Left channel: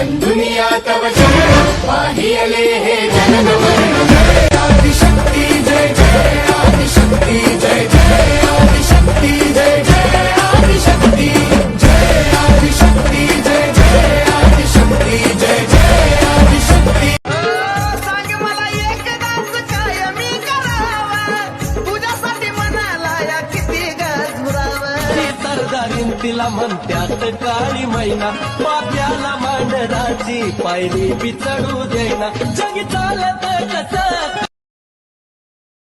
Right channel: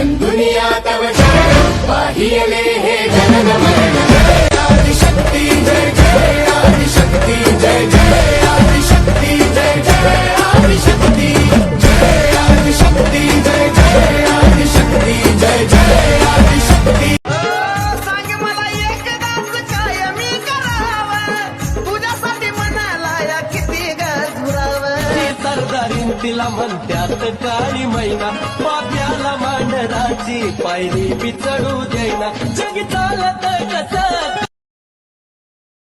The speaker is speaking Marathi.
बन्धुनिया तव शरणं बाह्यलेहे जननमन ती तिला म्हणत्यात काळी मैना. पाप्याला मांडराची पायरी बी चढू देईना. जगी चालत कस